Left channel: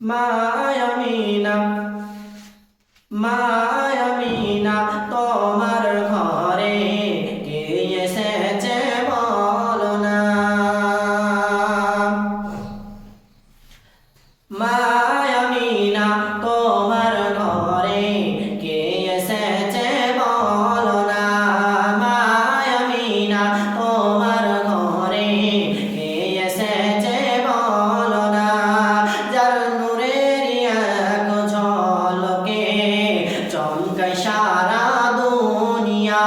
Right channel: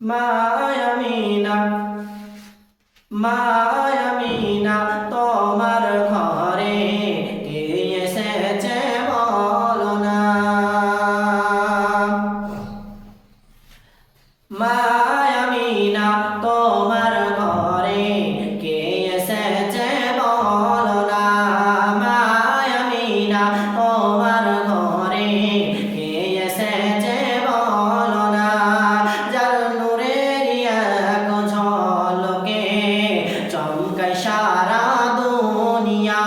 মায়ামিনা মায়ামিনা তোমার ঘর।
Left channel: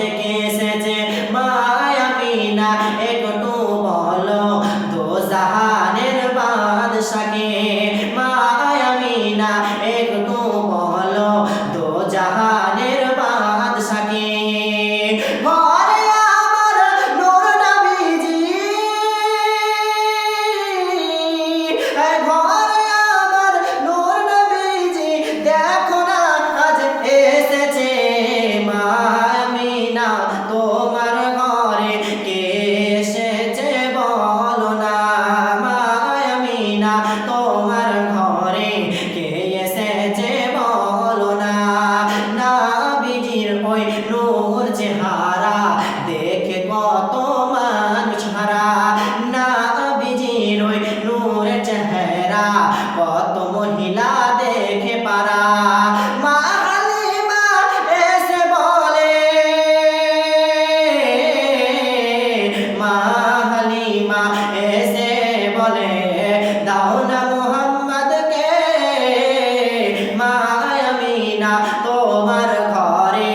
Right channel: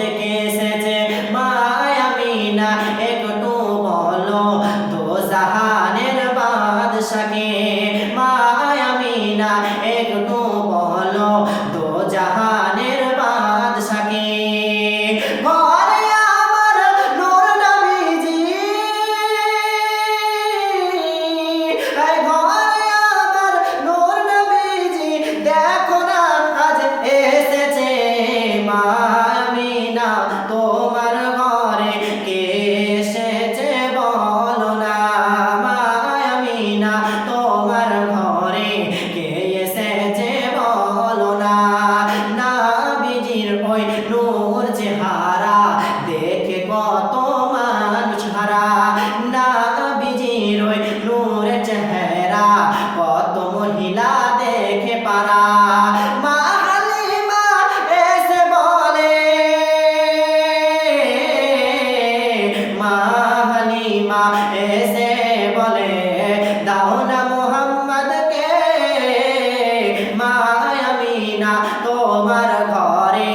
থেকে এসেছে মায়ামিনা একটু বলো দো জাহানের বাদশাকে। নূর চেহারা, দেখে কত মানুষ হারা। না বিজির ওই নূর চেহারা, কত মহিলা দেখে পারা। মা এসে বলে দাও না মা তোমার ঘরে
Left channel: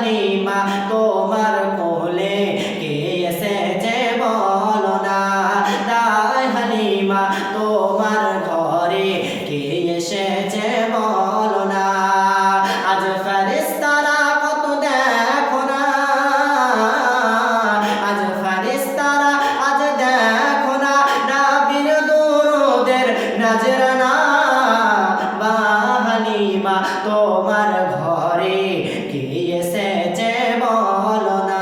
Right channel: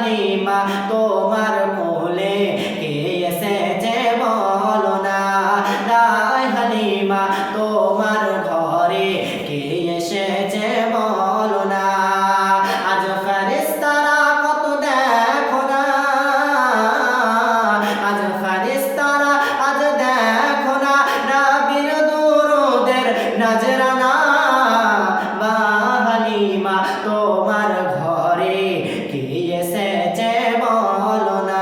ニマと মা তোমার ঘরে কে এসেছে বলো না?